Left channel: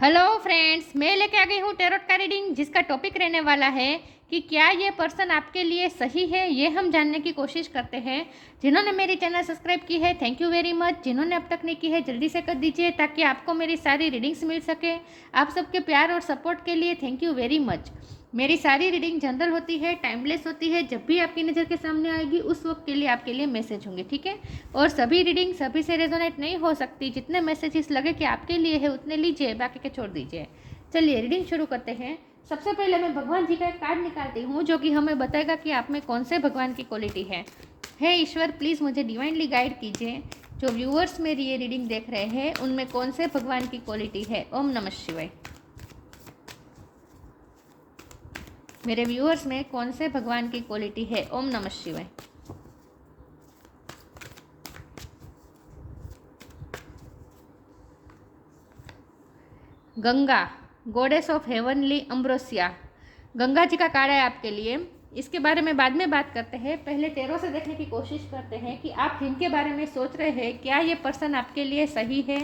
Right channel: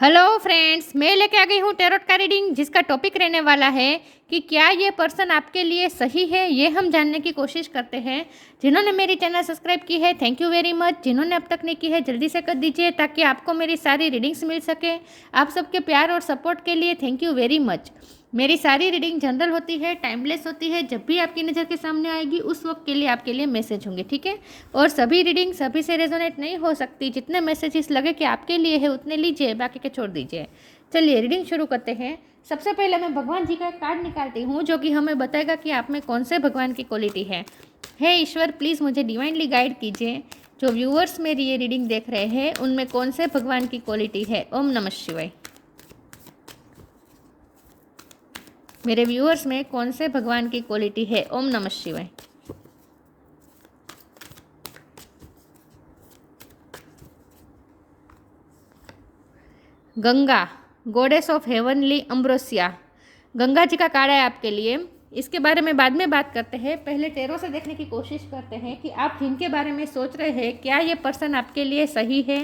Hello friends, मैं लेके आ गई हूँ टैरोट का रीडिंग, जिसका टॉपिक रहने वाला है कि क्या ये पर्सन आपके लिए सही है। ये हम जानने की कोशिश करते हैं। जिन्होंने मेरी चैनल सब्सक्राइब की है, थैंक यू वेरी मच। जिन्होंने अब तक नहीं की है, जल्दी से कर दीजिए ताकि आपको मेरी सारी रीडिंग्स मिल सके। आप सबके प्यार और सपोर्ट के लिए थैंक यू वेरी मच। मेरी सारी रीडिंग जनरल होती है, टाइमलेस होती है। जब भी आपकी नज़र के सामने आएगी उस वक्त के लिए आपके लिए मैसेज होंगे, ठीक है। और सभी रीडिंग सभी से रेजोनेट नहीं हो सकती। जितने मैसेजेस लगे कि आपके लिए है उतने लीजिए, बाकी के छोड़ दीजिए। चलिए रीडिंग शुरू करते हैं। सबसे पहले मैं भगवान जी का एक कार्ड निकालती हूँ जो कि हमें बताएगा कि आप में कौन से भगवान की क्वालिटी है। हे ईश्वर, प्लीज़ मुझे डिवाइनली गाइड कीजिए। जो व्यूअर्स मेरी ये रीडिंग देख रहे हैं उनमें कौन से भगवान की क्वालिटी है। ओम नमः शिवाय। मेरे व्यूअर्स में कौन से भगवान की क्वालिटी है। ओम नमः शिवाय। Ganga, goddess of heavenly ambrosia. Ganga ji का कार्ड है आपके लिए। इसके बारे में बाद में बात करते हैं। पहले टेरो से देखने की कोशिश करते हैं कि आप जिनके बारे में सोच रहे हैं क्या ये पर्सन आपके लिए सही है।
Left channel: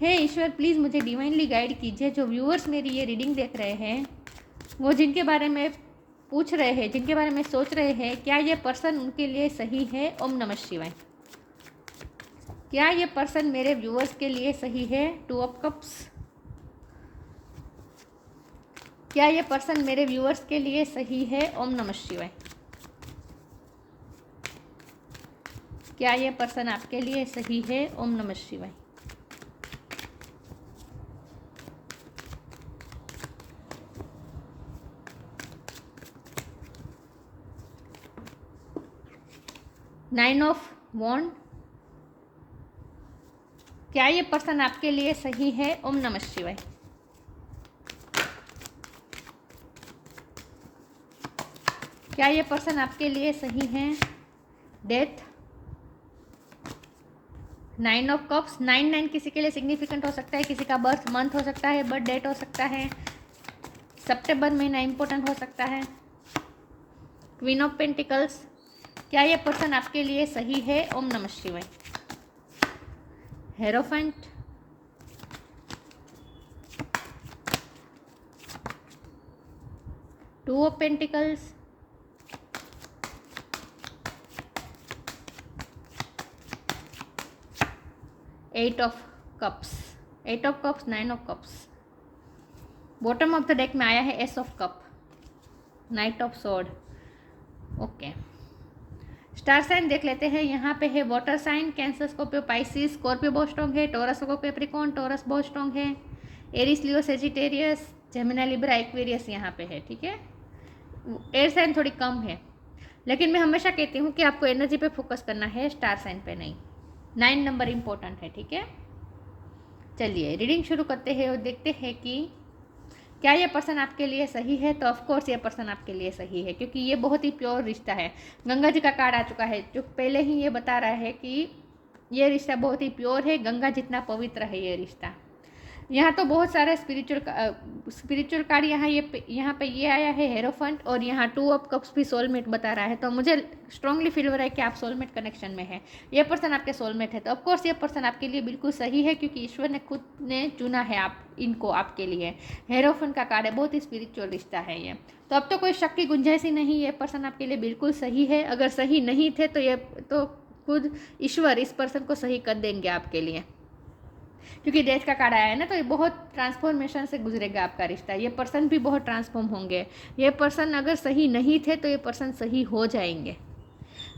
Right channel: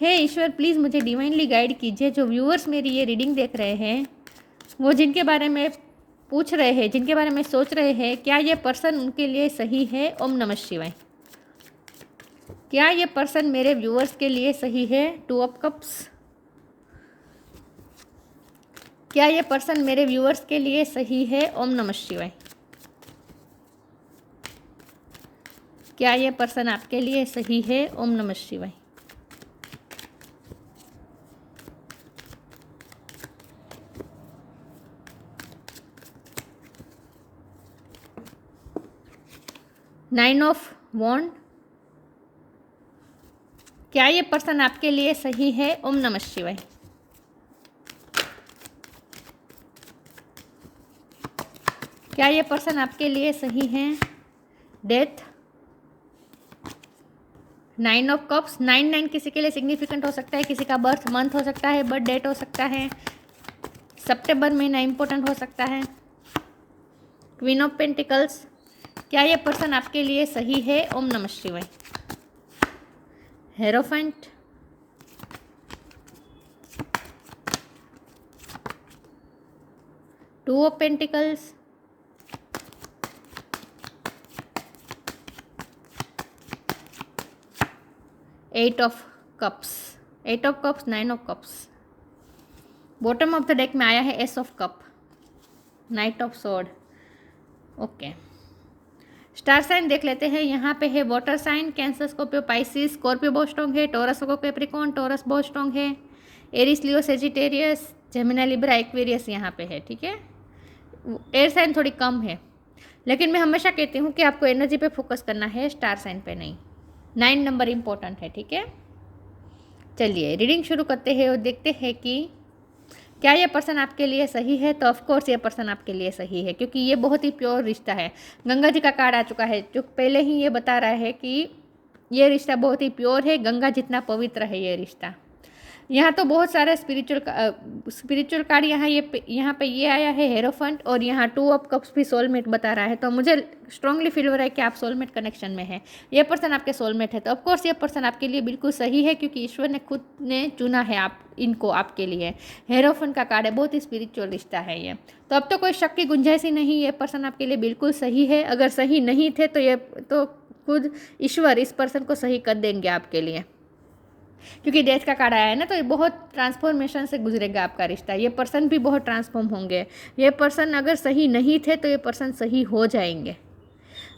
हे ईश्वर, प्लीज़ मुझे डिवाइनली गाइड कीजिए। जो व्यूअर्स मेरी ये रीडिंग देख रहे हैं वो जिनके बारे में पूछ रहे हैं, जिनके बारे में सोच रहे हैं, क्या ये पर्सन उनके लिए सही है। ओम नमः शिवाय। क्या ये पर्सन मेरे व्यूअर्स के लिए सही है। Two of cups. क्या ये पर्सन मेरे व्यूअर्स के लिए सही है। ओम नमः शिवाय। क्या ये पर्सन आपके लिए सही है। ओम नमः शिवाय। नाइन ऑफ वॉन्ड। क्या ये पर्सन आपके लिए सही है। ओम नमः शिवाय। क्या ये पर्सन आपके लिए सही है। डेथ। Nine of cups. 9 किसी के लिए सिग्निफिकेंट हो सकता है, किसी का बर्थ मंथ हो सकता है, बर्थ डेट हो सकता है, सितंबर महीना इंपॉर्टेंट हो सकता है। Queen of pentacles. क्या ये पर्सन आपके लिए सही है। ओम नमः शिवाय। Hierophant. Two of pentacles. Eight of cups. Eight of cups, nine of cups. Bottom of the deck में आया है ace of cup, knight of sword. Okay, star sign देख लेते हैं। यहाँ पे है water sign, Cancer, Scorpio, Pisces, Scorpio बहुत स्ट्रॉन्ग है, टॉरस को कैप्रिकॉर्न, टॉरस बहुत स्ट्रॉन्ग है, Aries, Leo, Sagittarius, Gemini, Libra, Aquarius यहाँ पे है, ठीक है। एयर साइन थोड़ी कम है, लेकिन मैं हमेशा कहती हूँ कि आपको एनर्जी पे फोकस करना है, स्टार साइन पे नहीं। 9 नंबर इंपॉर्टेंट है, ठीक है। चलिए रीडिंग शुरू करते हैं और देखते हैं कि क्या ये पर्सन आपके लिए सही है। तो ऑफकोर्स ये पर्सन आपके लिए सही है, क्योंकि ये बहुत ही प्योर रिश्ता है। गंगा जी का कार्ड आ चुका है जो पहले ही ये बता रहा है कि ये रिश्ता बहुत ही प्योर है, गंगा जितना पवित्र है ये रिश्ता। यहाँ तो बहुत सारे स्पिरिचुअल कार्ड यहाँ पे ये आया है हेरोफंट, और यहाँ टू ऑफ कप्स भी सोलमेट बता रहा है। तो मुझे स्ट्रांगली फील हो रहा है कि आप सोलमेट कनेक्शन में है, ये पर्सन आपके सोलमेट है। तो ऑफकोर्स ये पर्सन आपके लिए बिल्कुल सही है, क्योंकि ईश्वर ने खुद ने चुना है आप इनको आपके लिए। हेरोफंट का कार्ड है, बहुत ही स्पिरिचुअल रिश्ता है ये। तो अब तो कोई शक की गुंजाइश ही नहीं, ये पर्सन आपके लिए बिल्कुल सही है। अगर सही नहीं थे तो खुद ईश्वर इस पर्सन को सही कर देंगे आपके लिए, क्योंकि डेथ का कार्ड आया है ना। तो ये बहुत ट्रांसफॉर्मेशन से गुजरेगा आपका रिश्ता। ये पर्सन भी बहुत ट्रांसफॉर्म होंगे। ये पर्सन अगर सही नहीं थे तो ये पर्सन सही हो जाएंगे।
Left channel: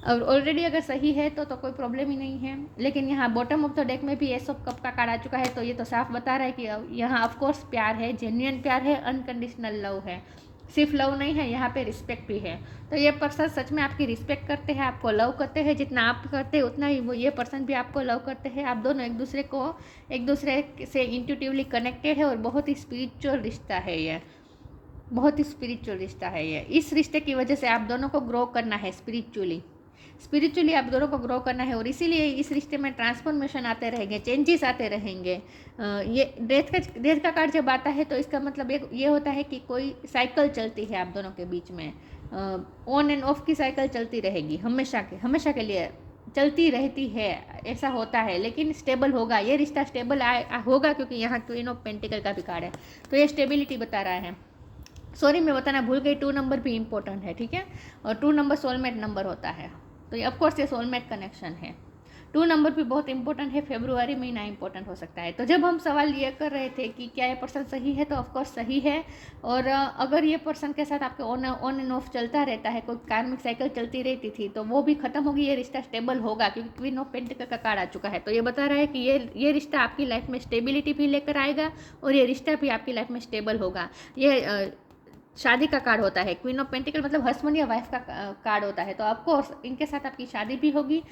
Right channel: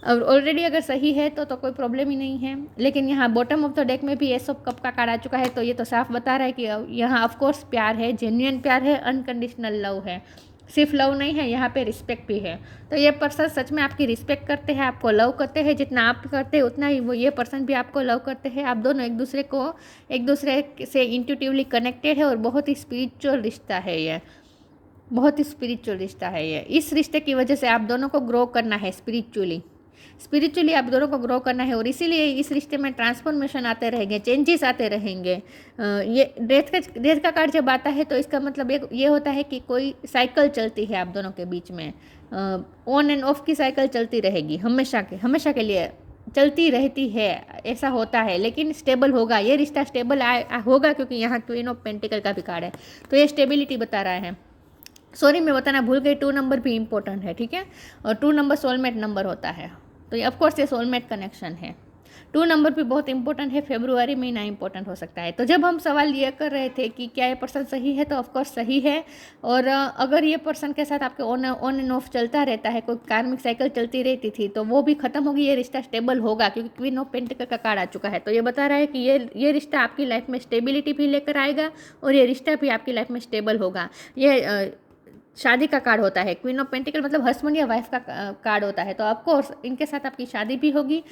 और ऑलरेडी अगर सही है तो कोई प्रॉब्लम ही नहीं है। लेकिन यहाँ बॉटम ऑफ द डेक में भी एस ऑफ कप का कार्ड आ चुका है, तो ये तो साफ बता रहा है कि यहाँ ऑफकोर्स प्यार है, जेन्युइन प्यार है, अनकंडीशनल लव है। सिर्फ लव नहीं है, यहाँ पे रिस्पेक्ट भी है। तो ये पर्सन सच में आपकी रिस्पेक्ट करते हैं, आपको लव करते हैं। जितना आप करते हैं उतना ही ये पर्सन भी आपको लव करते हैं। आप दोनों एक दूसरे से इंट्यूटिवली कनेक्टेड है, और बहुत ही स्पिरिचुअल रिश्ता है ये, बहुत ही स्पिरिचुअल रिश्ता है ये। इस रिश्ते की वजह से आप दोनों को ग्रो करना है स्पिरिचुअली आप दोनों को ग्रो करना है, और इसीलिए इस रिश्ते में ट्रांसफॉर्मेशन आते रहेंगे, चेंजेस आते रहेंगे। ये डेथ का कार्ड जब आता है तो इसका मतलब ये होता है कि कोई साइकिल चलती है आप दोनों के बीच में, ऑन एंड ऑफ की साइकिल चलती रहेगी, हमेशा के लिए चलती रहती है, ऐसा होता है, लेकिन स्टेबल होगा, ये रिश्ता स्टेबल होगा, क्योंकि यहाँ क्वीन ऑफ पेंटिकल का भी कार्ड है, तो ये स्टेबिलिटी बता रहा है। सॉरी मैं बताना भूल गई, 2 नंबर भी इंपॉर्टेंट है, ठीक है, और 2 नंबर सोलमेट नंबर होता है, तो ये ऑफकोर्स ये सोलमेट कनेक्शन है। 2 नंबर भी बहुत इंपॉर्टेंट है, फेब्रुआरी महीना इंपॉर्टेंट हो सकता है। तो जब हम सवाल ये कर रहे थे कि क्या ये पर्सन सही है, तो ऑफकोर्स सही है। और अगर ये पर्सन के साथ आपके ऑन एंड ऑफ चलता रहता है, कोई कार्मिक साइकिल चलती रहती थी, तो वो भी खत्म होगी, ये रिश्ता स्टेबल होगा, क्योंकि क्वीन ऑफ पेंटिकल का कार्ड आ चुका है। तो ये बता रहा है कि ये रिश्ता आपकी लाइफ में स्टेबिलिटी भी लेकर आएगा, और ये रिश्ता भी आपकी लाइफ में स्टेबल होगा। ये शादी का कार्ड होता है, क्वीन ऑफ पेंटिकल मतलब हस्बैंड या वाइफ का कार्ड होता है, तो ऑफकोर्स इनके साथ आपकी शादी भी होगी।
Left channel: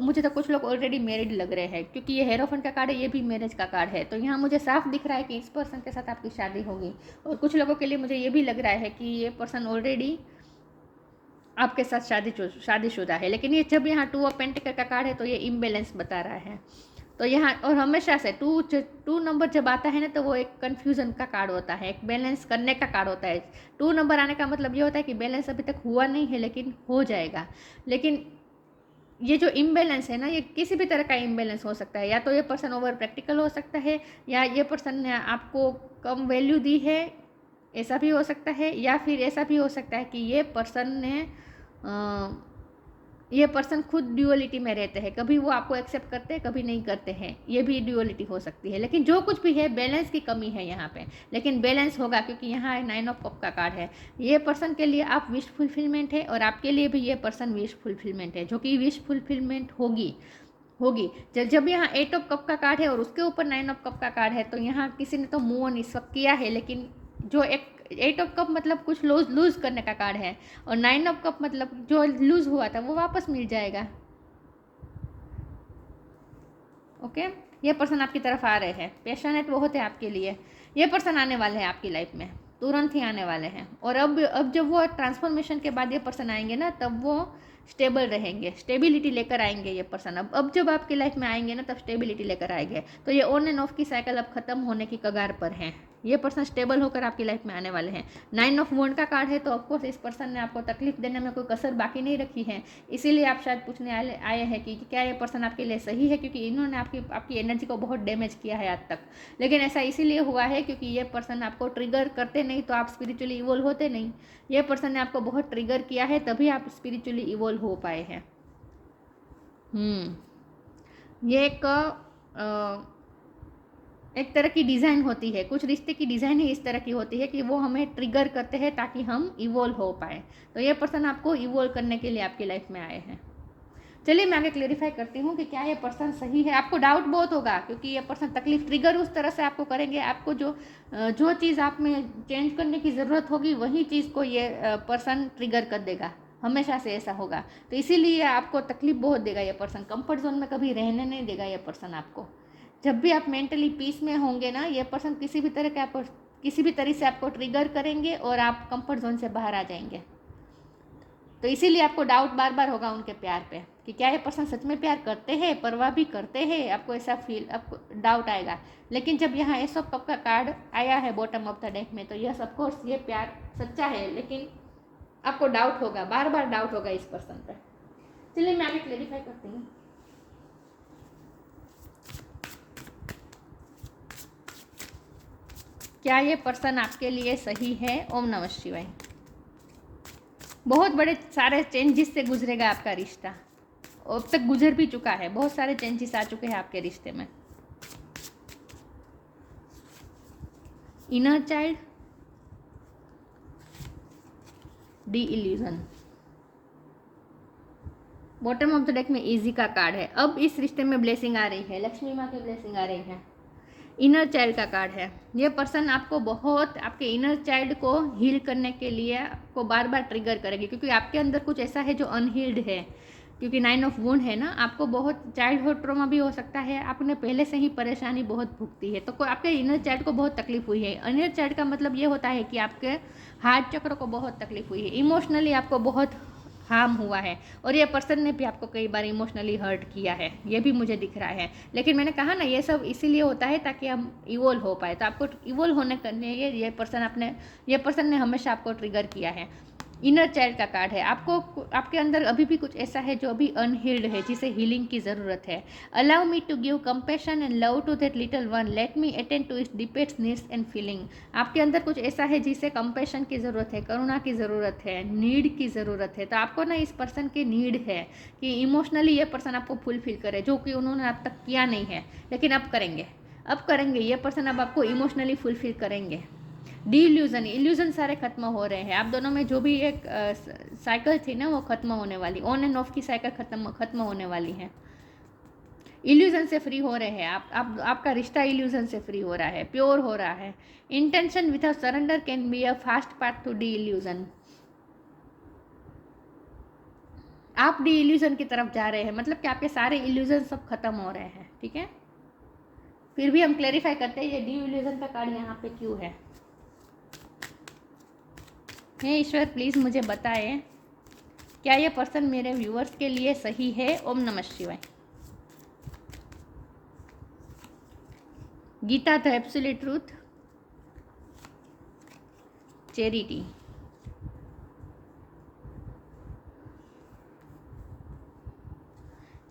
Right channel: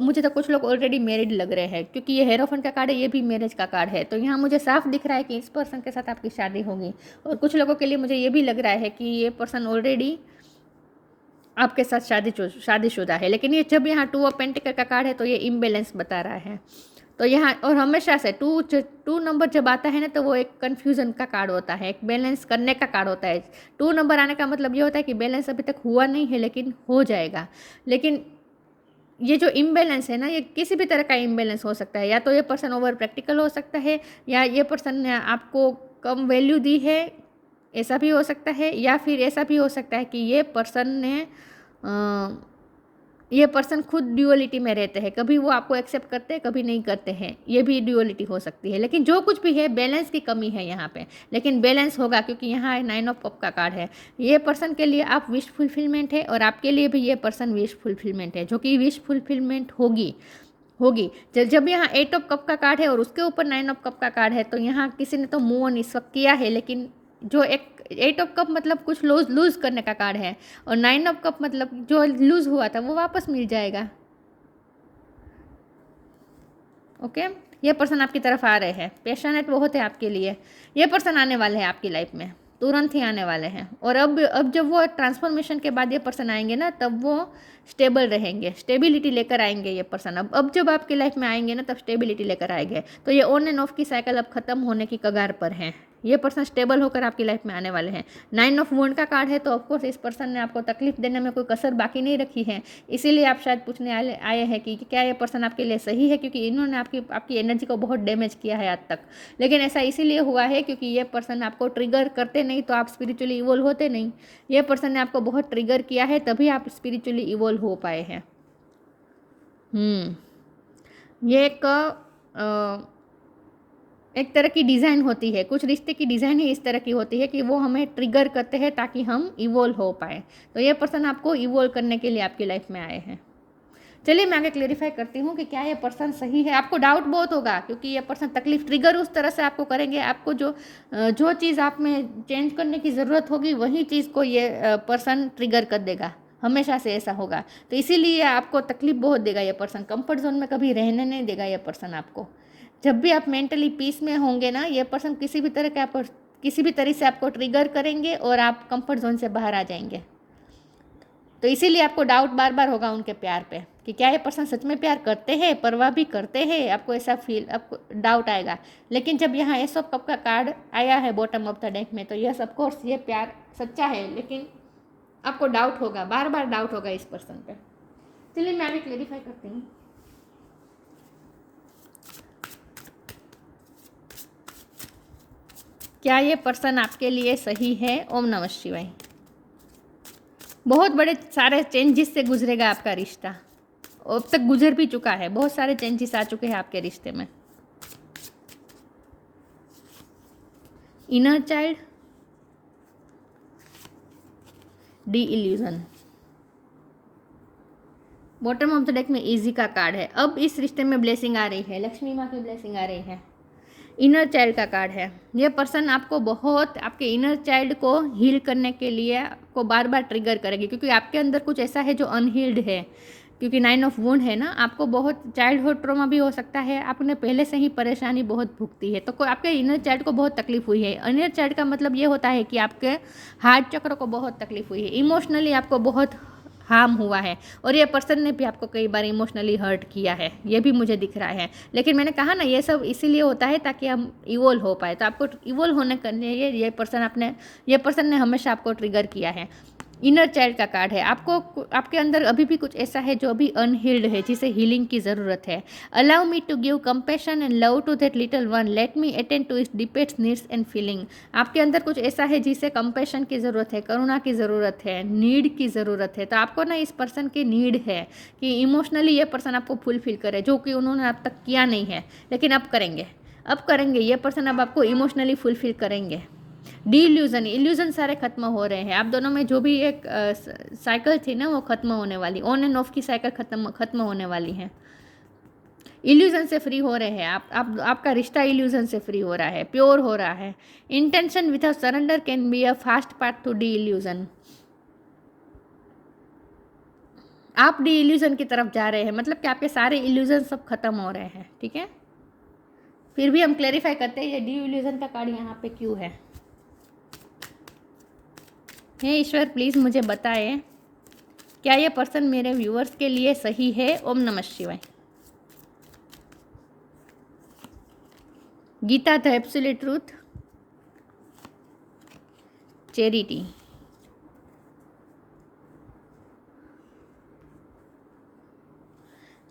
मुझे तो कुछ लोग ऑलरेडी मैरिड लग रहे हैं, क्योंकि ये हेरोफेंट का कार्ड है, ये भी मैरिज का कार्ड है, तो यहाँ मुझे साफ दिख रहा है कि इस पर्सन के साथ आपकी शादी होगी। और कुछ लोगों के लिए मुझे ये भी लग रहा है कि ये पर्सन ऑलरेडी आपके साथ शादीशुदा है, लेकिन ये जब यहाँ 2 ऑफ पेंटिकल का कार्ड है, तो ये इम्बैलेंस बता रहा है। तो यहाँ और हमेशा से 2 नंबर जब आता है ना, तो वो एक कन्फ्यूज़न का कार्ड होता है, एक बैलेंस करने का कार्ड होता है। 2 नंबर आने का मतलब ये होता है कि बैलेंस अभी तक हुआ नहीं है, लेकिन हो जाएगा। लेकिन ये जो इम्बैलेंस है ना, ये किसी भी तरह का इम्बैलेंस हो सकता है, या तो ये पर्सन ओवर प्रैक्टिकल हो सकता है, या ये पर्सन ने आपको कम वैल्यू दी है, ऐसा भी हो सकता है, या फिर ऐसा भी हो सकता है कि ये पर्सन खुद ड्यूअलिटी में रहते हैं, कभी वो आपको एक्सेप्ट करते हैं, कभी नहीं करते हैं, ये भी ड्यूअलिटी हो सकती है। लेकिन जो कुछ भी है, बैलेंस की कमी है यहाँ पे, लेकिन बैलेंस होगा, क्योंकि यहाँ 9 ऑफ कप का कार्ड है। ये पर्सन के लिए आप विश फुलफिलमेंट है, और आपके लिए भी ये पर्सन विश फुलफिलमेंट है, जो कि विश फुलफिलमेंट होगी। जब यहाँ 8 ऑफ कप का कार्ड है और उसके ऊपर 9 ऑफ कप का कार्ड है, तो यहाँ किसी ने तो मूव ऑन इस वक्त किया है, लेकिन जो 8 ऑफ कप मतलब कुछ लूज करने का कार्ड है, और 9 ऑफ कप मतलब जो लूज हुआ था वो वापस मिल जाएगा। ओके, ये पर्सन आपकी तरफ आ रहे हैं, पैशनेट बहुत है आपके लिए, ये पर्सन आने वाले हैं आपकी लाइफ में, तुरंत ही आने वाले हैं। और अब जब वो ट्रांसफॉर्मेशन के बाद ये पर्सन आएंगे ना, तब वो स्टेबल रहेंगे, स्टेबिलिटी लेकर आएंगे ये पर्सन। अब जब आपकी लाइफ में आएंगे ना, तब स्टेबिलिटी लेकर आएंगे। तो ये ऑन एंड ऑफ की साइकिल अब खत्म होने की कगार पर है, ये पर्सन स्टेबल होकर आपकी लाइफ में आने वाले हैं। 9 ऑफ वॉन्ड का कार्ड है, तो ऑफकोर्स इस पर्सन ने आपको तकलीफ देने में कोई कसर बाकी नहीं रखी है, इसीलिए आप शायद पूछने आए हैं कि क्या ये पर्सन आपके लिए सही है, क्योंकि इन्होंने आपकी एनर्जी को बहुत डैमेज किया है आज तक। लेकिन ऐसा इसीलिए हुआ है क्योंकि ये पर्सन आपको ट्रिगर करते नहीं तो आप स्पिरिचुअली इवोल्व होते नहीं। ये पर्सन ने आपको बहुत ट्रिगर किया है, तभी आप स्पिरिचुअली इवोल्व हो पाए हैं। ये एक तरह की डिज़ाइन होती है, कुछ रिश्ते की डिज़ाइन ही इस तरह की होती है कि वो हमें ट्रिगर करते हैं ताकि हम इवोल्व हो पाए। तो ये पर्सन आपको इवोल्व करने के लिए आपकी लाइफ में आए हैं। चलिए मैं आगे क्लेरिफाई करती हूँ कि क्या ये पर्सन सही है। आपको डाउट बहुत होगा, क्योंकि ये पर्सन तकलीफ ट्रिगर उस तरह से आपको करेंगे, आपको जो चीज़ आप में चेंज करने की ज़रूरत होगी वही चीज़ को ये पर्सन ट्रिगर कर देगा, हमेशा से ऐसा होगा। तो इसीलिए आपको तकलीफ बहुत देगा ये पर्सन, कंफर्ट जोन में कभी रहने नहीं देगा ये पर्सन आपको। जब भी आप मेंटली पीस में होंगे ना, ये पर्सन किसी भी तरह से आपको ट्रिगर करेंगे और आप कंफर्ट जोन से बाहर आ जाएंगे। तो इसीलिए आपको डाउट बार बार होगा उनके प्यार पे कि क्या ये पर्सन सच में प्यार करते हैं, परवाह भी करते हैं, आपको ऐसा आपको डाउट आएगा। लेकिन जब यहाँ एस ऑफ कप का कार्ड आया है बॉटम ऑफ द डेक में, तो यस ऑफ कोर्स ये प्यार सच्चा है, लेकिन आपको डाउट होगा, बार बार डाउट होगा इस पर्सन पे। चलिए मैं अभी क्लेरिफाई करती हूँ। क्या ये पर्सन आपके लिए सही है? ओम नमः शिवाय। बहुत बड़े सारे चेंजेस से गुजरेगा आपका रिश्ता, अब तक गुजर भी चुका है, बहुत सारे चेंजेस आ चुके हैं आपके रिश्ते में। Inner child, D illusion, bottom of the deck में इजी का कार्ड है। अब इस रिश्ते में ब्लेसिंग आ रही है, लक्ष्मी माँ की ब्लेसिंग आ रही है। इनर चाइल्ड का कार्ड है। ये पर्सन आपको बहुत आपके इनर चाइल्ड को हील करने के लिए आपको बार बार ट्रिगर करेगी, क्योंकि आपके अंदर कुछ ऐसा है जो अनहील्ड है, क्योंकि 9 ऑफ वुंड है ना, आपको बहुत चाइल्डहुड ट्रॉमा भी हो सकता है, आपने पहले से ही परेशानी बहुत भुगती है, तो आपके इनर चाइल्ड को बहुत तकलीफ हुई है। इनर चाइल्ड का मतलब ये होता है कि आपके हार्ट चक्र को बहुत तकलीफ हुई है, इमोशनली आपको बहुत हार्म हुआ है, और ये पर्सन ने भी आपको कई बार इमोशनली हर्ट किया है, ये भी मुझे दिख रहा है। लेकिन मैंने कहा ना, ये सब इसीलिए होता है ताकि हम इवोल्व हो पाए। तो आपको इवोल्व होने के लिए ये पर्सन ने हमेशा आपको ट्रिगर किया है। इनर चाइल्ड का कार्ड है। आपको आपके अंदर अभी भी कुछ ऐसा है जो अभी अनहील्ड है, जिसे हीलिंग की ज़रूरत है। Allow me to give compassion and love to that little one, let me attend to its deepest needs and feeling. आपके अंदर कुछ ऐसा है जिसे कंपैशन की ज़रूरत है, करुणा की ज़रूरत है, नीड की ज़रूरत है। तो आपको ना इस पर्सन की नीड है कि इमोशनली ये पर्सन आपको फुलफिल करे, जो कि उन्होंने अब तक किया नहीं है, लेकिन अब करेंगे। अब करेंगे, ये पर्सन अब आपको इमोशनली फुलफिल करेंगे। डी इल्यूजन, इल्यूजन सारे खत्म हो रहे हैं। आप दोनों में जो भी एक साइकिल थी ना, वो खत्म होने वाली, ऑन एंड ऑफ की साइकिल खत्म होने वाली है। इल्यूजन से फ्री हो रहे हैं आप आपका रिश्ता इल्यूजन से फ्री हो रहा है, प्योर हो रहा है। Intention without surrender can be a fast path to delusion. आप डी इल्यूजन की तरफ जा रहे हैं, मतलब कि आपके सारे इल्यूजन सब खत्म हो रहे हैं, ठीक है। फिर भी हम क्लेरिफाई करते हैं ये डी इल्यूजन का कार्ड यहाँ पे क्यों है। हे ईश्वर, प्लीज़ मुझे बताएं क्या ये पर्सन मेरे व्यूअर्स के लिए सही है। ओम नमः शिवाय। Gita the absolute truth, charity,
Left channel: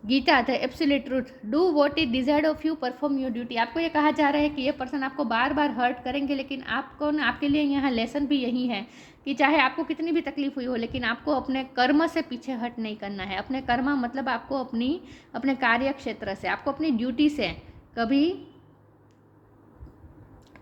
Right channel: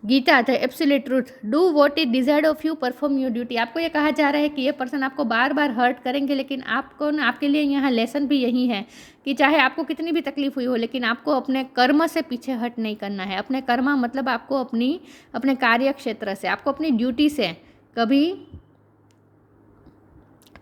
Gita the absolute truth, do what is desired of you, perform your duty. आपको ये कहा जा रहा है कि ये पर्सन आपको बार बार हर्ट करेंगे, लेकिन आपको ना, आपके लिए यहाँ लेसन भी यही है कि चाहे आपको कितनी भी तकलीफ हुई हो, लेकिन आपको अपने कर्म से पीछे हट नहीं करना है। अपने कर्म मतलब आपको अपने कार्य क्षेत्र से, आपको अपनी ड्यूटी से कभी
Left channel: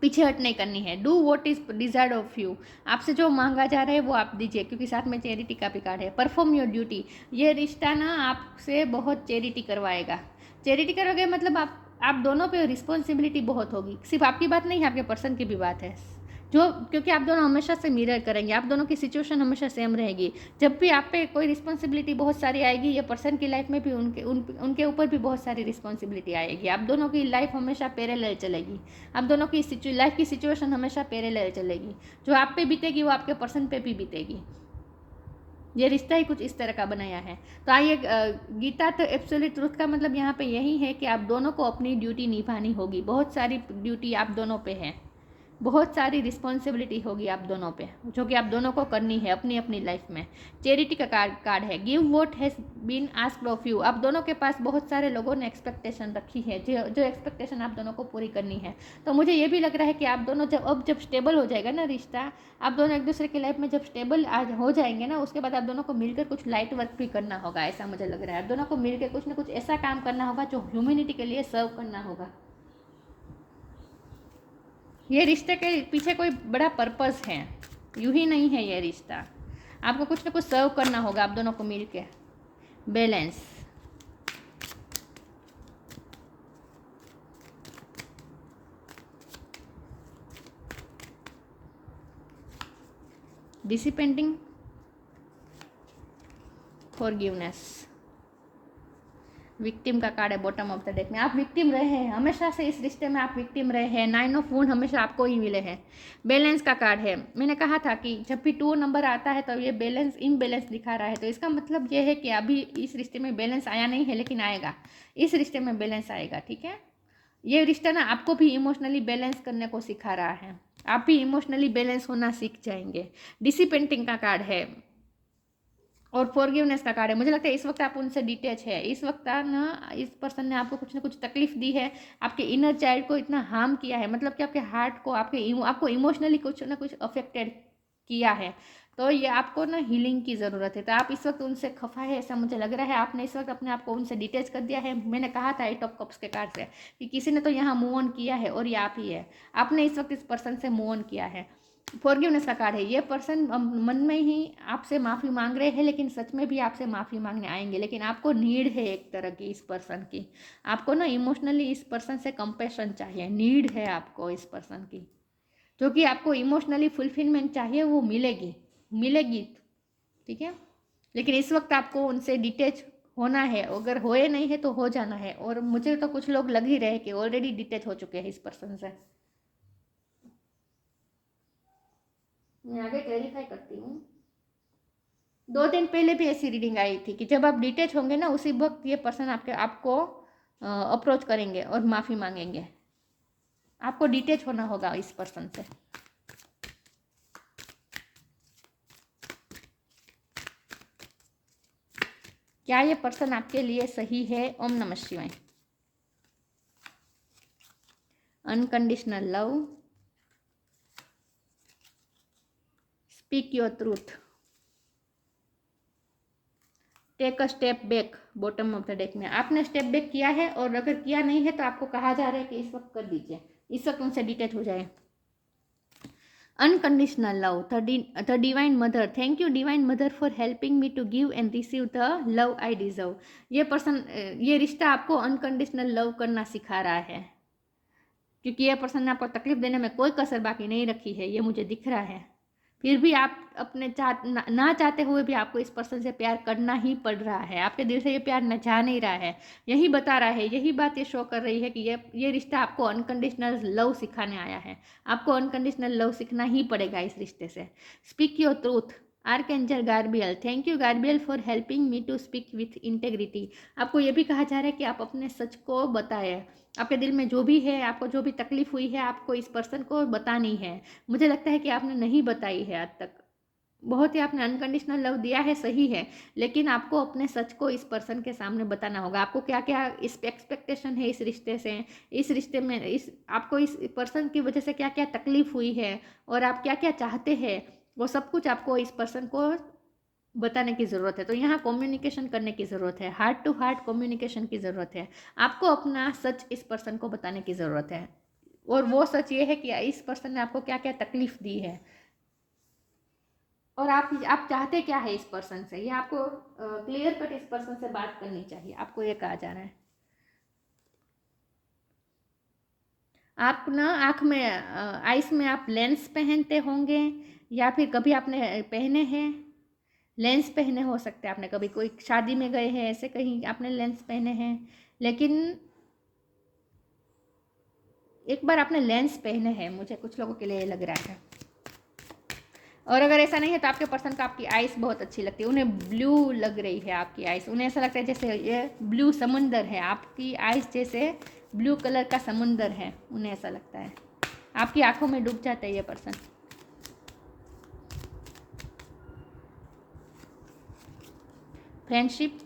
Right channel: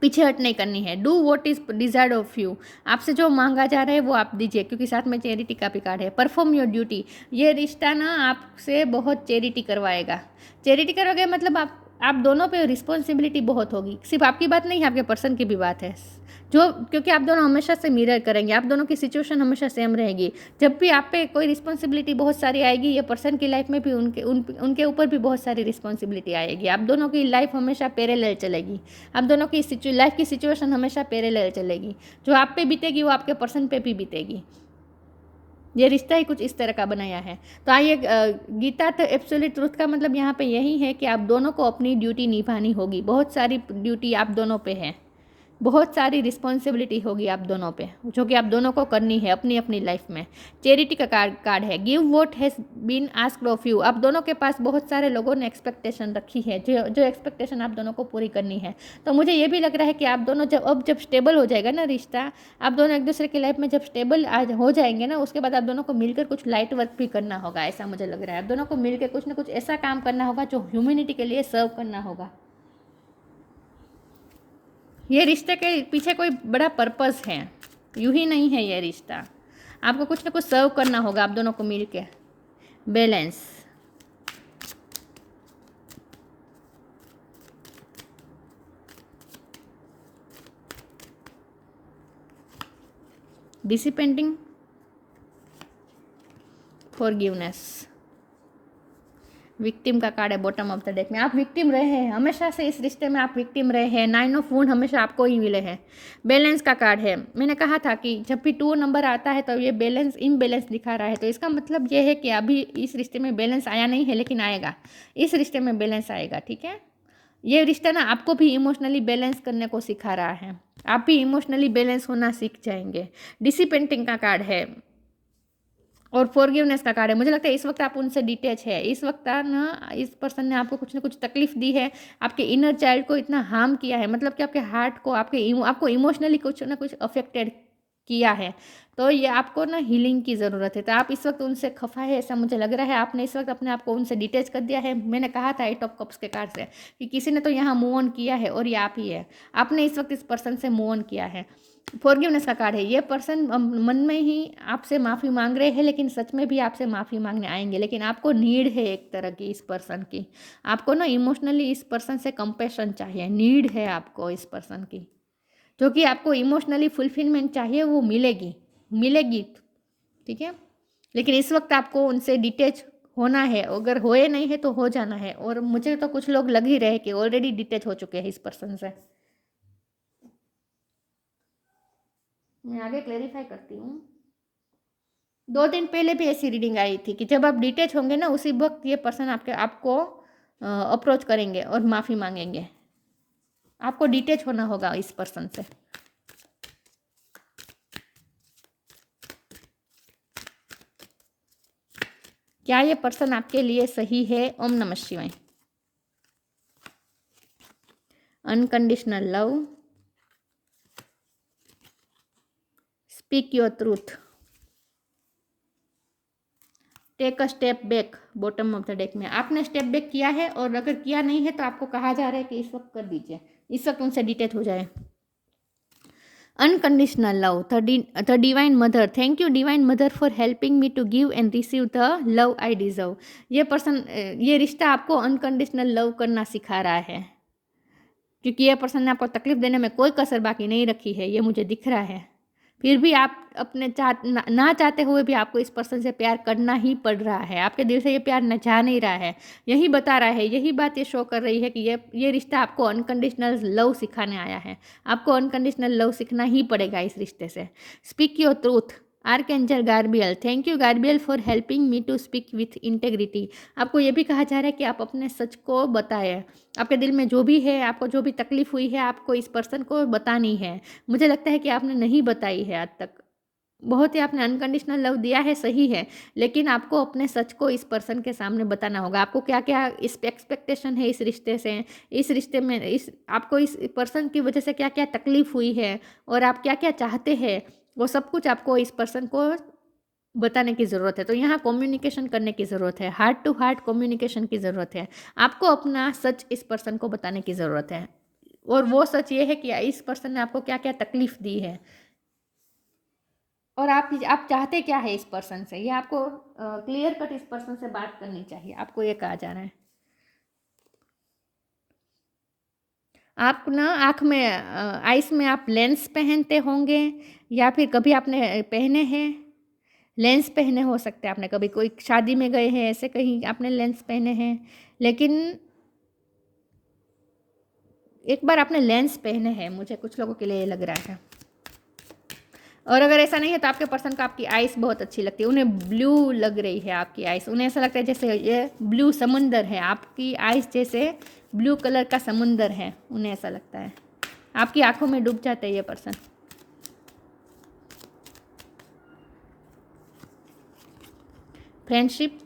पीछे हट नहीं करनी है। Do what is desired of you, आपसे जो मांगा जा रहा है वो आप दीजिए, क्योंकि साथ में चैरिटी का भी कार्ड है। परफॉर्म योर ड्यूटी, ये रिश्ता ना आपसे बहुत चैरिटी करवाएगा। चैरिटी करोगे मतलब आप दोनों पे रिस्पॉन्सिबिलिटी बहुत होगी। सिर्फ आपकी बात नहीं है, आपके पर्सन की भी बात है जो, क्योंकि आप दोनों हमेशा से मिरर करेंगे, आप दोनों की सिचुएशन हमेशा सेम रहेगी। जब भी आप पे कोई रिस्पॉन्सिबिलिटी बहुत सारी आएगी, ये पर्सन की लाइफ में भी उनके ऊपर भी बहुत सारी रिस्पॉन्सिबिलिटी आएगी। आप दोनों की लाइफ हमेशा पैरेलल चलेगी, आप दोनों की लाइफ की सिचुएशन हमेशा पैरेलल चलेगी। जो आप पे बीतेगी वो आपके पर्सन पे भी बीतेगी। ये रिश्ता ही कुछ इस तरह का बनाया है। तो आइए, गीता तो एब्सोल्यूट ट्रूथ का मतलब यहाँ पे यही है कि आप दोनों को अपनी ड्यूटी निभानी होगी। बहुत सारी ड्यूटी आप दोनों पे है, बहुत सारी रिस्पॉन्सिबिलिटी होगी आप दोनों पे, जो कि आप दोनों को करनी है अपनी अपनी लाइफ में। चैरिटी का कार्ड है, give what has been asked of you. आप दोनों के पास बहुत सारे लोगों ने एक्सपेक्टेशन रखी है, जो एक्सपेक्टेशन आप दोनों को पूरी करनी है। तो मुझे ये भी लग रहा है कि आप दोनों जब स्टेबल हो जाएगा ना रिश्ता, आप दोनों एक दूसरे की लाइफ में जब स्टेबल आज हो जाएंगे ना, उसके बाद आप दोनों को मिलकर कुछ लाइट वर्क भी करना होगा, ऐसा मुझे लग रहा है। आप दोनों को मिलकर कुछ ना कुछ ऐसा काम करना होगा जो ह्यूमैनिटी के लिए सर्व करना होगा। ये रिश्ते के पीछे कोई बड़ा पर्पस है, यूं ही नहीं है ये रिश्ता। आपको कुछ ना कुछ सर्व करना होगा आप दोनों को मिलके। बैलेंस, डिसिपेंडिंग, फॉरगिवनेस, विक्टिम का कार्ड है बॉटम ऑफ द डेक में। आप विक्टिम रहे हैं हमेशा से, इस रिश्ते में आप विक्टिम रहे हैं। 9 ऑफ वुंड हमेशा आपको ही मिले हैं। बैलेंस का कार्ड है। मैंने कहा था कि जब भी 2 नंबर आता है तो ये बैलेंस इम्बैलेंस दिखा रहा है, तो इसका मतलब ये है कि अभी इस रिश्ते में बैलेंस आया नहीं है, लेकिन आएगा। इस रिश्ते में बैलेंस आएगा, ठीक है। ये रिश्ता ना आपको भी इमोशनली बैलेंस करने को सिखा रहा है, आप भी इमोशनली बैलेंस होना सीख जाएंगे। डिसिपेंटिंग का कार्ड है और फॉरगिवनेस का कार्ड है। मुझे लगता है इस वक्त आप उनसे डिटैच है। इस वक्त ना इस पर्सन ने आपको कुछ ना कुछ तकलीफ दी है, आपके इनर चाइल्ड को इतना हार्म किया है, मतलब कि आपके हार्ट को, आपको इमोशनली कुछ ना कुछ अफेक्टेड किया है। तो ये आपको ना हीलिंग की ज़रूरत है। तो आप इस वक्त उनसे खफा है, ऐसा मुझे लग रहा है। आपने इस वक्त अपने आप को उनसे डिटैच कर दिया है। मैंने कहा था 8 ऑफ कप्स के कार्ड से कि किसी ने तो यहाँ मूव ऑन किया है, और ये आप ही है। आपने इस वक्त इस पर्सन से मूव ऑन किया है। फॉरगिवनेस का कार्ड है। ये पर्सन मन में ही आपसे माफ़ी मांग रहे हैं, लेकिन सच में भी आपसे माफ़ी मांगने आएंगे। लेकिन आपको नीड है एक तरह की इस पर्सन की, आपको ना इमोशनली इस पर्सन से कंपेशन चाहिए, नीड है आपको इस पर्सन की, जो कि आपको इमोशनली फुलफिलमेंट चाहिए, वो मिलेगी मिलेगी, ठीक है। लेकिन इस वक्त आपको उनसे डिटैच होना है, अगर होए नहीं है तो हो जाना है। और मुझे तो कुछ लोग लग ही रहे कि ऑलरेडी डिटैच हो चुके हैं इस पर्सन से। मैं आगे क्लैरिफाई करती हूँ। 2 दिन पहले भी ऐसी रीडिंग आई थी कि जब आप डिटैच होंगे ना, उसी वक्त ये पर्सन आपको अप्रोच करेंगे और माफ़ी मांगेंगे। आपको डिटैच होना होगा इस पर्सन से। क्या ये पर्सन आपके लिए सही है? ओम नमः शिवाय। Unconditional love, speak your truth, take a step back. Bottom of the deck में आपने स्टेप बैक किया है, और अगर किया नहीं है तो आपको कहा जा रहा है कि इस वक्त कर दीजिए, इस वक्त उनसे डिटेच हो जाए। Unconditional love, the divine mother, thank you divine mother for helping me to give and receive the love I deserve. ये पर्सन, ये रिश्ता आपको अनकंडीशनल लव करना सिखा रहा है, क्योंकि ये पर्सन ने आपको तकलीफ देने में कोई कसर बाकी नहीं रखी है, ये मुझे दिख रहा है। फिर भी आप अपने ना चाहते हुए भी आपको इस पर्सन से प्यार करना ही पड़ रहा है, आपके दिल से ये प्यार न जा नहीं रहा है। यही बता रहा है, यही बात ये शो कर रही है कि ये रिश्ता आपको अनकंडीशनल लव सिखाने आया है। आपको अनकंडीशनल लव सीखना ही पड़ेगा इस रिश्ते से। Speak your truth, archangel Gabriel, thank you Gabriel for helping me to speak with integrity. आपको ये भी कहा जा रहा है कि आप अपने सच को बताएं। आपके दिल में जो भी है, आपको जो भी तकलीफ हुई है, आपको इस पर्सन को बतानी है। मुझे लगता है कि आपने नहीं बताई है आज तक। बहुत ही आपने अनकंडीशनल लव दिया है, सही है, लेकिन आपको अपने सच को इस पर्सन के सामने बताना होगा। आपको क्या क्या इस एक्सपेक्टेशन है इस रिश्ते से, इस रिश्ते में आपको इस पर्सन की वजह से क्या क्या तकलीफ हुई है, और आप क्या क्या चाहते हैं, वो सब कुछ आपको इस पर्सन को बताने की ज़रूरत है। तो यहाँ कम्युनिकेशन करने की ज़रूरत है, हार्ट टू हार्ट कम्युनिकेशन की ज़रूरत है। आपको अपना सच इस पर्सन को बताने की ज़रूरत है, और वो सच ये है कि इस पर्सन ने आपको क्या क्या तकलीफ दी है, और आप चाहते क्या है इस पर्सन से। ये आपको क्लियर कट इस पर्सन से बात करनी चाहिए, आपको ये कहा जा रहा है। आप ना आँख में आइस में आप लेंस पहनते होंगे, या फिर कभी आपने पहने हैं लेंस, पहने हो सकते हैं आपने, कभी कोई शादी में गए हैं ऐसे कहीं आपने लेंस पहने हैं, लेकिन एक बार आपने लेंस पहने हैं, मुझे कुछ लोगों के लिए ये लग रहा है। और अगर ऐसा नहीं है तो आपके पर्सन को आपकी आइस बहुत अच्छी लगती है, उन्हें ब्लू लग रही है आपकी आइस, उन्हें ऐसा लगता है जैसे ये ब्लू समुंदर है, आपकी आइस जैसे ब्लू कलर का समुंदर है, उन्हें ऐसा लगता है। आपकी आंखों में डूब जाता है ये पर्सन। फ्रेंडशिप,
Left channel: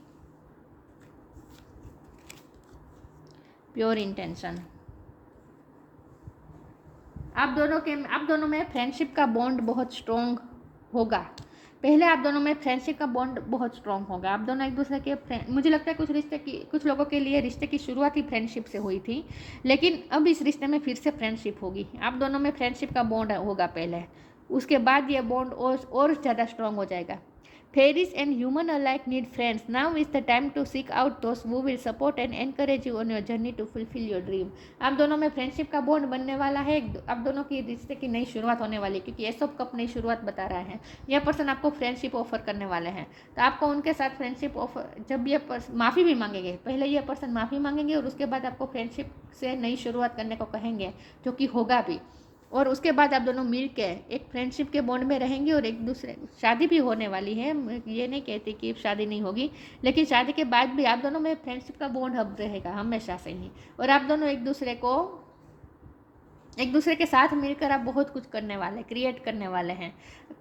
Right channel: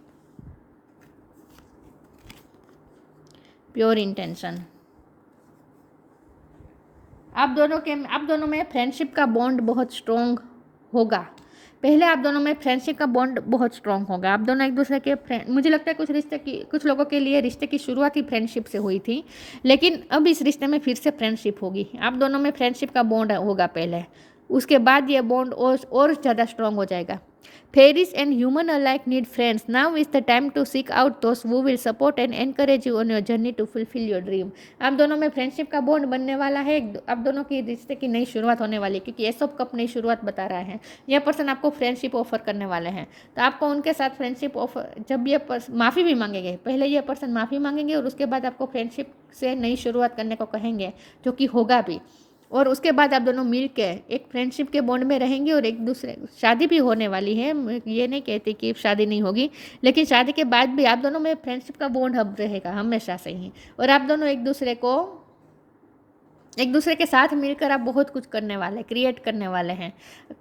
प्योर इंटेंशन, आप दोनों में फ्रेंडशिप का बॉन्ड बहुत स्ट्रॉन्ग होगा। पहले आप दोनों में फ्रेंडशिप का बॉन्ड बहुत स्ट्रॉन्ग होगा, आप दोनों एक दूसरे के फ्रेंड। मुझे लगता है कुछ लोगों के लिए रिश्ते की शुरुआत ही फ्रेंडशिप से हुई थी, लेकिन अब इस रिश्ते में फिर से फ्रेंडशिप होगी। आप दोनों में फ्रेंडशिप का बॉन्ड होगा पहले, उसके बाद ये बॉन्ड और ज़्यादा स्ट्रॉन्ग हो जाएगा। Fairies and human alike need friends. Now is the time to seek out those who will support and encourage you on your journey to fulfill your dream. आप दोनों में फ्रेंडशिप का बॉन्ड बनने वाला है, आप दोनों की रिश्ते की नई शुरुआत होने वाली है, क्योंकि एस ऑफ कप नई शुरुआत बता रहा है। यह पर्सन आपको फ्रेंडशिप ऑफर करने वाले हैं, तो आपको उनके साथ फ्रेंडशिप ऑफर, जब ये माफ़ी भी मांगेंगे, पहले ये पर्सन माफ़ी मांगेंगे और उसके बाद आपको फ्रेंडशिप से नई शुरुआत करने को कहेंगे, जो कि होगा भी। और उसके बाद आप दोनों मिल के एक फ्रेंडशिप के बॉन्ड में रहेंगे, और एक दूसरे, शादी भी होने वाली है, ये नहीं कहती कि शादी नहीं होगी, लेकिन शादी के बाद भी आप दोनों में फ्रेंडशिप का बॉन्ड अब रहेगा हमेशा से ही। और आप दोनों एक दूसरे के साथ मिलकर आप बहुत कुछ करने वाले, क्रिएट करने वाले हैं,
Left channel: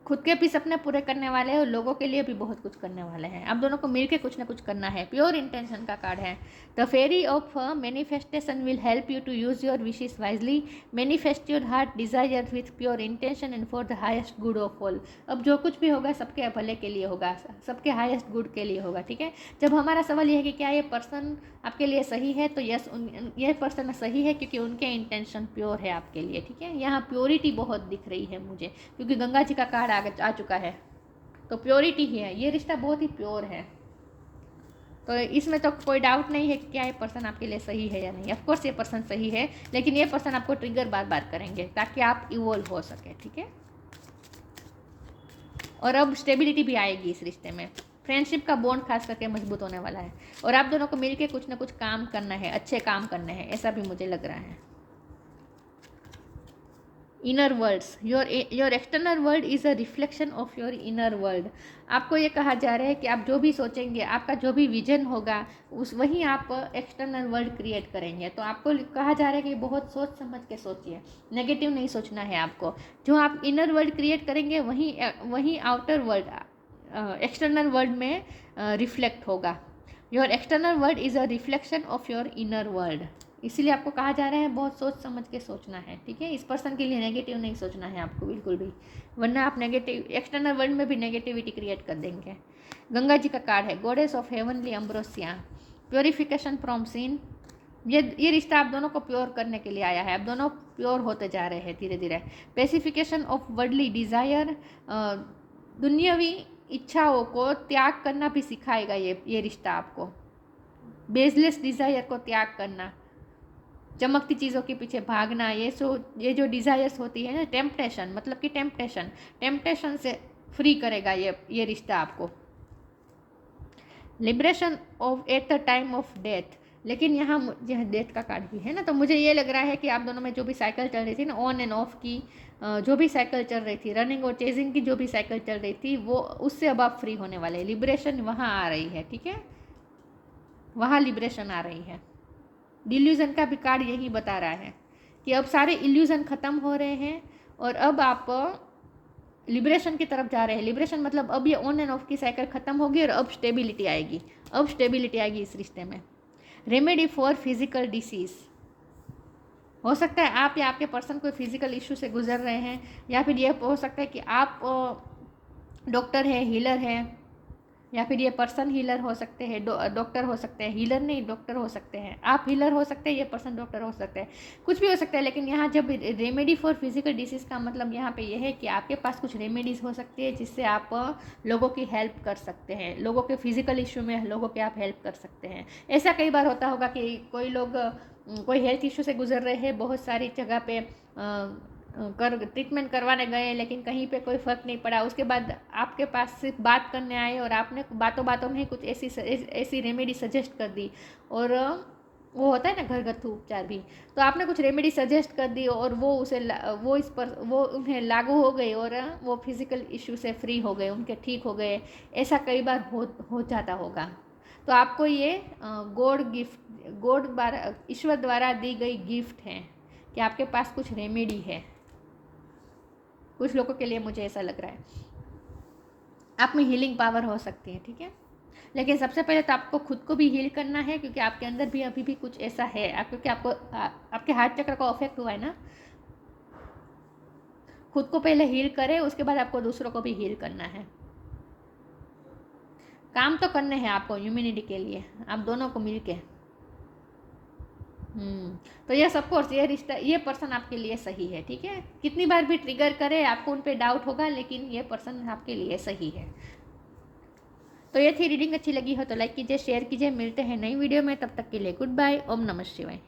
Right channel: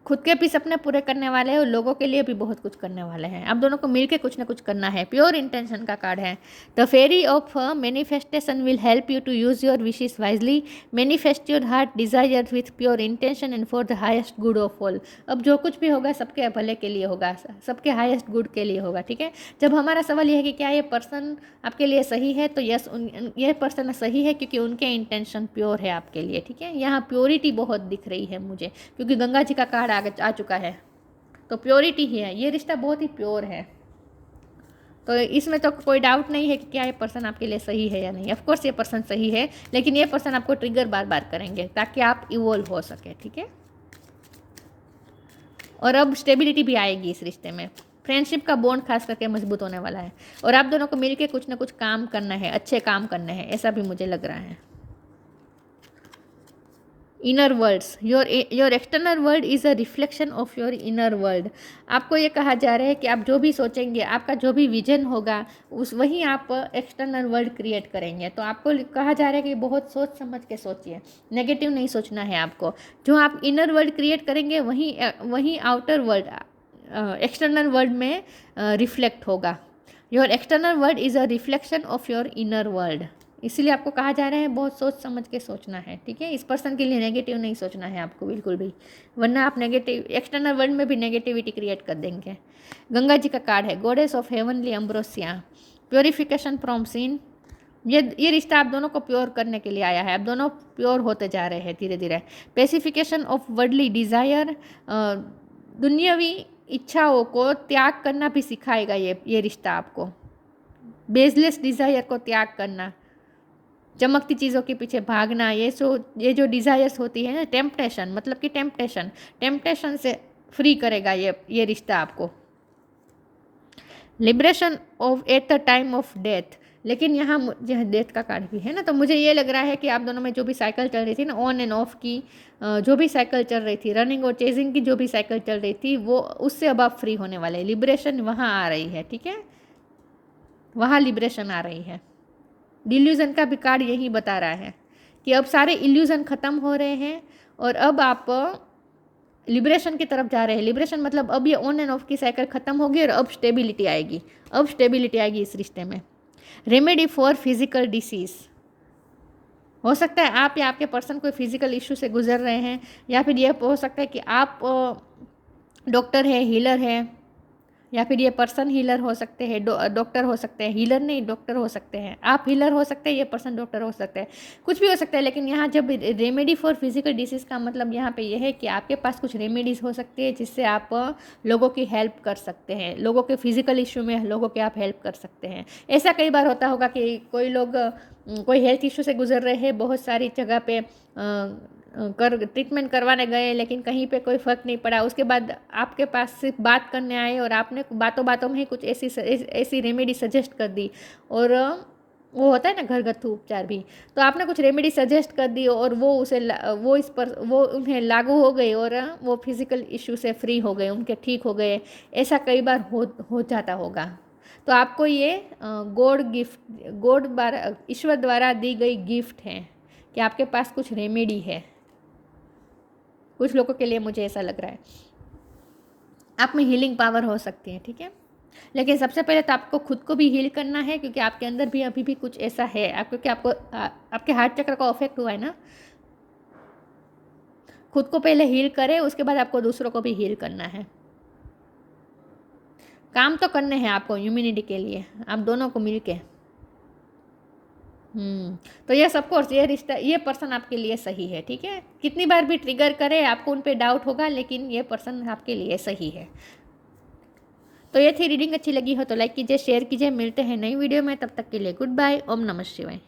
खुद के भी सपने पूरे करने वाले हैं और लोगों के लिए भी बहुत कुछ करने वाले हैं। आप दोनों को मिलकर कुछ ना कुछ करना है। प्योर इंटेंशन का कार्ड है। The fairy of manifestation will help you to use your wishes wisely, manifest your heart desire with pure intention and for the highest good of all. अब जो कुछ भी होगा सबके भले के लिए होगा, सबके हाइस्ट गुड के लिए होगा, ठीक है। जब हमारा सवाल यह है कि क्या ये पर्सन आपके लिए सही है, तो यस, ये पर्सन सही है, क्योंकि उनके इंटेंशन प्योर है आपके लिए, ठीक है। यहाँ प्योरिटी बहुत दिख रही है मुझे, क्योंकि गंगा जी का कार्ड आ चुका है, तो प्योरिटी ही है। ये रिश्ता बहुत ही प्योर है, तो इसमें तो कोई डाउट नहीं है कि क्या ये पर्सन आपके लिए सही है या नहीं। ऑफकोर्स ये पर्सन सही है, लेकिन ये पर्सन आपको ट्रिगर बार बार करेंगे ताकि आप इवॉल्व हो सके, ठीक है। और अब स्टेबिलिटी भी आएगी इस रिश्ते में। फ्रेंडशिप का बॉन्ड खास करके मजबूत होने वाला है, और आप दोनों को मिलकर कुछ ना कुछ काम करना है, अच्छे काम करने हैं, ऐसा भी मुझे लग रहा है। Inner worlds, your external world is a reflection of your inner world. आपको ये कहा जा रहा है कि आप जो भी सोचेंगे, आपका जो भी विजन होगा, उस वहीं आप एक्सटर्नल वर्ल्ड क्रिएट करेंगे। तो आपको कहा जा रहा है कि बहुत सोच समझ के सोचिए, नेगेटिव नहीं सोचना है आपको। जो आप इनर वर्ल्ड क्रिएट करेंगे वहीं आउटर वर्ल्ड, एक्सटर्नल वर्ल्ड में रिफ्लेक्ट होगा। Your external world is a reflection of your inner world. इसीलिए आपको कहा जा रहा है बहुत सोच समझ के सोचना है, ठीक है। इस पर्सन के लिए नेगेटिव नहीं सोचना है आपको बिल्कुल भी, वरना आप नेगेटिव एक्सटर्नल वर्ल्ड में भी नेगेटिविटी क्रिएट कर देंगे। गंगा जी का कार्ड है, goddess of heavenly ambrosia, purification from sin. ये रिश्ता आप दोनों को प्योर करने के लिए आया है, आप दोनों प्योर होते जा रहे हैं धीरे धीरे। पेसिफिकेशन ऑफ वर्डली डिज़ायर, दुनियावी इच्छाओं को त्याग करना भी सिखाएगा ये रिश्ता आपको। बेसलेस डिज़ायर को त्याग करना, चमकती चीज़ों के पीछे भागना, ये जो डिज़ायर्स होती है ना, टेम्पटेशन, मतलब कि टेम्पटेशन से फ्री करेगा ये रिश्ता आपको। Liberation of at the time of death, लेकिन यहाँ डेथ का कार्ड भी है ना, तो मुझे ये लग रहा है कि आप दोनों में जो भी साइकिल चल रही थी ना, ऑन एंड ऑफ की जो भी साइकिल चल रही थी, रनिंग और चेजिंग की जो भी साइकिल चल रही थी, वो उससे अब आप फ्री होने वाले। लिबरेशन वहाँ आ रही है, ठीक है, वहाँ लिबरेशन आ रही है। डिल्यूजन का भी कार्ड यही बता रहा है कि अब सारे इल्यूजन ख़त्म हो रहे हैं और अब आप लिबरेशन की तरफ जा रहे हैं। लिबरेशन मतलब अब ये ऑन एंड ऑफ की साइकिल ख़त्म होगी और अब स्टेबिलिटी आएगी, इस रिश्ते में। रेमेडी फॉर फिजिकल डिसीज़, हो सकता है आप या आपके पर्सन कोई फिजिकल इशू से गुजर रहे हैं, या फिर ये हो सकता है कि आप डॉक्टर है, हीलर है, या फिर ये पर्सन हीलर हो सकते हैं, डॉक्टर हो सकते हैं, हीलर नहीं डॉक्टर हो सकते हैं, आप हीलर हो सकते हैं, ये पर्सन डॉक्टर हो सकते हैं, कुछ भी हो सकता है। लेकिन यहाँ जब रेमेडी फॉर फिजिकल डिसीज़ का मतलब यहाँ पे यह है कि आपके पास कुछ रेमेडीज़ हो सकती है जिससे आप लोगों की हेल्प कर सकते हैं, लोगों के फिजिकल इशू में लोगों की आप हेल्प कर सकते हैं। ऐसा कई बार होता होगा कि कोई लोग कोई हेल्थ इशू से गुजर रहे हैं, बहुत सारी जगह पे ट्रीटमेंट करवाने गए, लेकिन कहीं पे कोई फ़र्क नहीं पड़ा, उसके बाद आपके पास सिर्फ बात करने आए और आपने बातों बातों में ही कुछ ऐसी रेमेडी सजेस्ट कर दी, और वो होता है ना घरगथ्थू उपचार भी, तो आपने कुछ रेमेडी सजेस्ट कर दी और वो उन्हें लागू हो गई और वो फिज़िकल इशू से फ्री हो गए, उनके ठीक हो गए। ऐसा कई बार हो जाता होगा। तो आपको ये ईश्वर द्वारा दी गई गिफ्ट है कि आपके पास कुछ रेमेडी है। कुछ लोगों के लिए मुझे ऐसा लग रहा है आप में हीलिंग पावर हो सकती है, ठीक है। लेकिन सबसे पहले तो आपको खुद को भी हील करना है, क्योंकि आपके अंदर भी अभी भी कुछ ऐसा है, क्योंकि आपके हार्ट चक्र का अफेक्ट हुआ है ना। खुद को पहले हील करें, उसके बाद आपको दूसरों को भी हील करना है। काम तो करने हैं आपको ह्यूमैनिटी के लिए, आप दोनों को मिल के। तो ये सब कोर्स, ये रिश्ता, ये पर्सन आपके लिए सही है, ठीक है। कितनी बार भी ट्रिगर करे आपको उन पे डाउट होगा, लेकिन ये पर्सन आपके लिए सही है। तो ये थी रीडिंग, अच्छी लगी हो तो लाइक कीजिए, शेयर कीजिए। मिलते हैं नई वीडियो में, तब तक के लिए गुड बाय। ओम नमः शिवाय।